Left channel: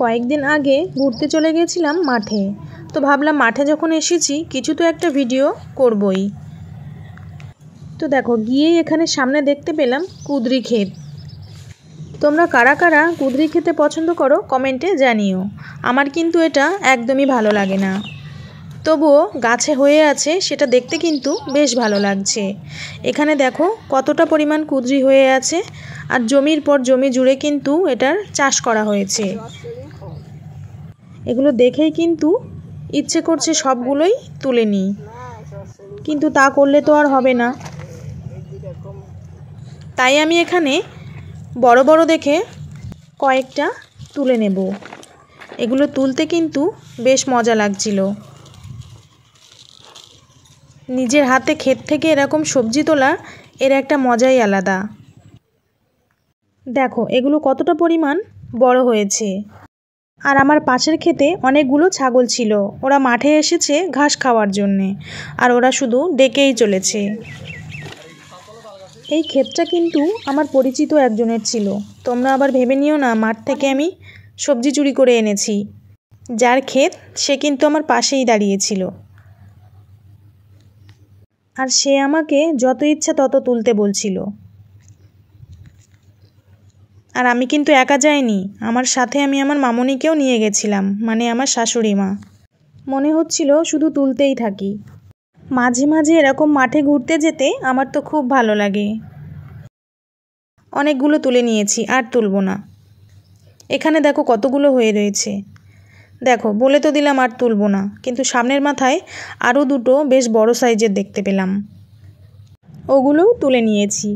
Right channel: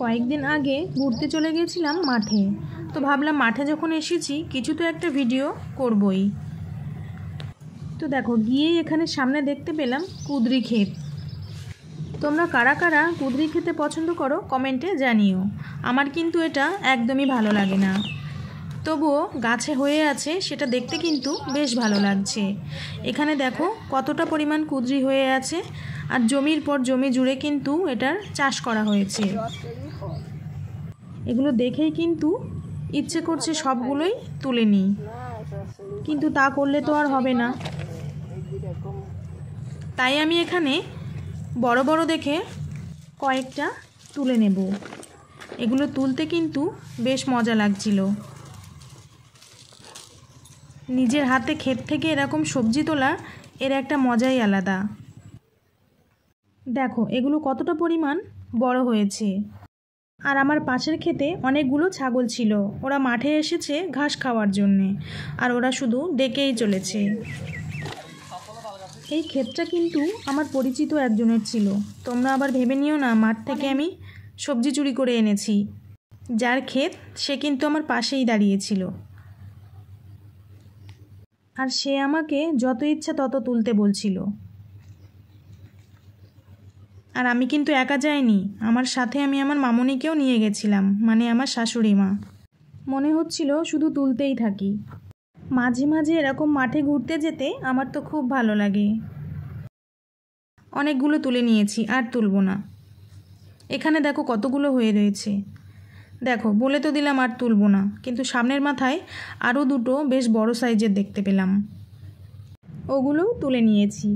কয়েকদিন আগে ঘুরতে চলে গেছিলাম মাঠে। তো ভাবলাম মাঠে যখন এসেছি কিছু তো একটা ভিডিও করবই। তো দেখো গিয়েই এখানে সামনে দেখতে পেলাম কুঁদরি ক্ষেত। তোমরা কারা কারা কুঁদরি খেতে পছন্দ করো কমেন্টে জানিও। আমার কিন্তু এটা একদমই ভালো লাগে না, তবুও গাছে হয়ে আছে সেটা দেখতে কিন্তু বেশ ভালো লাগছে। এখানে দেখো কতটা পরিমাণ কুঁদরি হয়ে আছে, আর জমির পর জমি জুড়ে কিন্তু এটার চাষ করা হয়েছে। এগুলো দেখেই কিন্তু ইচ্ছে করছে সবগুলোই তুলে নিই, কিন্তু তা করলে তো আর হবে না। তাই আমি এখানে বড় বড় দেখে কয়েকটা তুলে নেব। এগুলো তুলতে কিন্তু বেশ মজা লাগছিল। নিজের হাতে ক্ষেত থেকে এরকম সবজি তোলা এর একটা মজাই আলাদা। দেখো এগুলো কতটা পরিমাণ বড় হয়েছে। আর আমার পাশের ক্ষেতে অনেকগুলো ছাগল ছিল, ওরা মাঠে এসেছে ঘাস খাওয়ার জন্যে, আর ওরা শুধু ডেকেই চলেছে। এই ক্ষেতটা কিন্তু আমার পরিচিত একজনের ছিল। তোমরা আবার ভেবে নিও না মাঠ থেকে আমি সবজি চুরি করে এনেছি। যার ক্ষেত সে কিন্তু আমার পাশেই দাঁড়িয়েছিল, আর সে আমাকে যত ইচ্ছা তত তুলতে বলছিল। আর আমি কিন্তু একা যাইনি, আমার সাথে আমি আমার মামনিকেও নিয়ে গেছিলাম, মানে আমার শাশুড়ি মা। মনে হচ্ছিল শুধু তুলতেই থাকি। মাঝে মাঝে এরকম মাঠে ঘুরতে যেতে আমার তো খুব ভালো লাগে। অনেকগুলো তুলে নিয়েছি, আর তুলব না। এখানে দেখো কতগুলো হয়ে রয়েছে। দেখো বলে তো দিলাম আর তুলব না, কিন্তু সামনের মাথায় আরও দুটো বেশ বড় সাইজের দেখতে পেলাম, ওগুলোও তুলে নিয়েছি।